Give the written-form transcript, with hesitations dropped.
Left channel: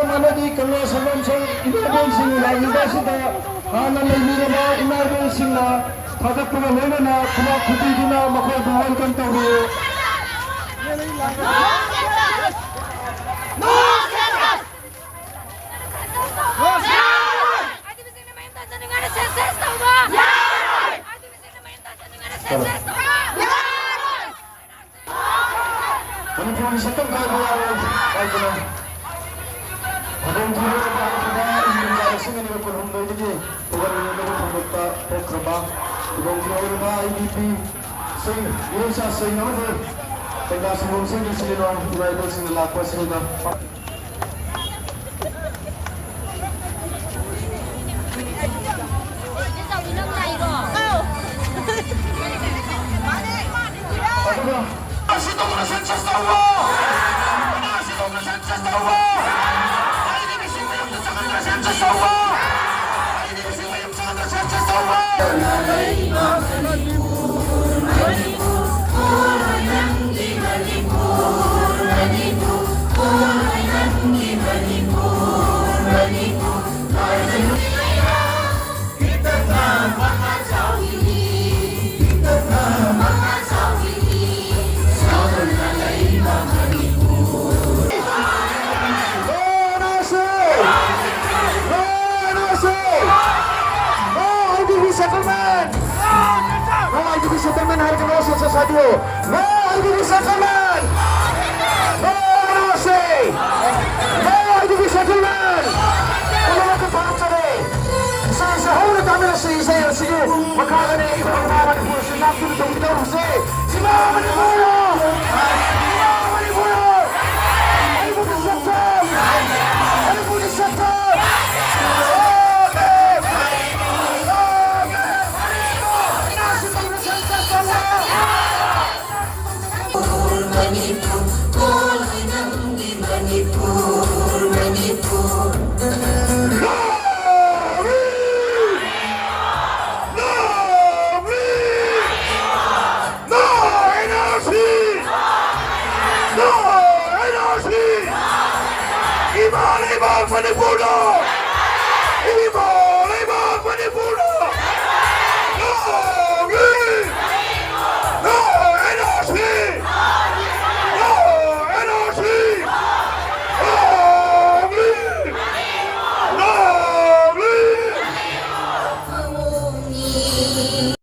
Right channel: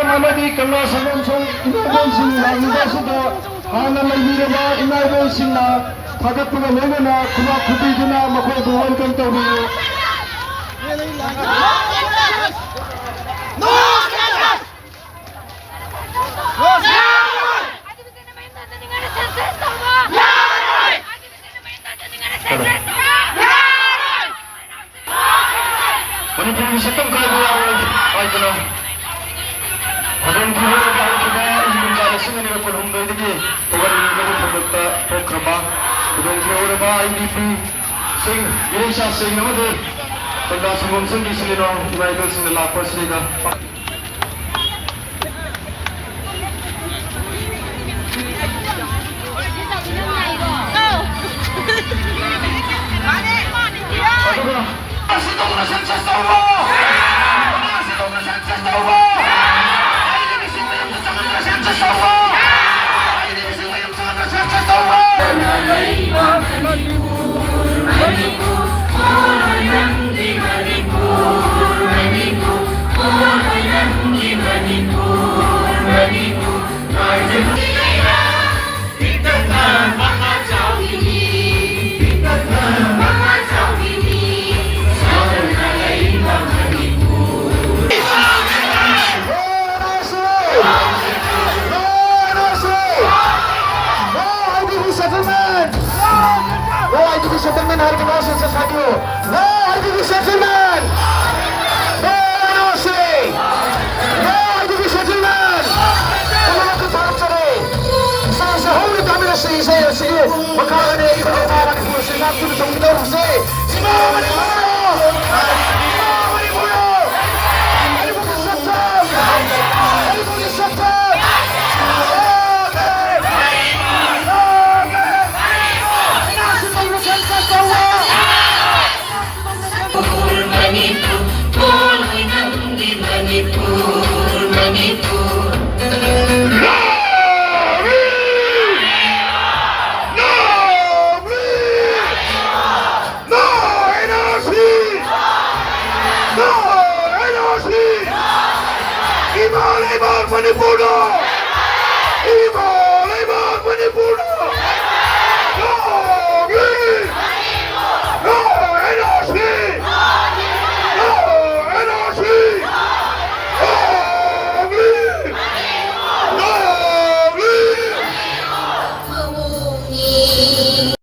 Amadi Kanga Sagamsong Inabensing Lagibasida Hana Laybiraba Inabensing na Thagapuna Lena Kuma Kupiduna Makoy welcome to you. Manipur Sakam Kaibuya Paitana Adon Kuru Bharatiga India Singa Purhumdagi Pugani Pugutta Pokraba Adon Kuru IDP Singh Irisha Singh Namade Tanda Sumum Singh Sinino United Singh Lakpa Sriga settlement harga nasi sesuatu. No IDP settlement. No nasi. No IDP settlement. Kalau kita cari, sehari kami nasi saya sini. Maka ada kita orang yang masih nak tu kita nasi. Semua ni mulu. Ni mulu. Ibu disokong. Ibu disokong. Iba, Manipur! Iba!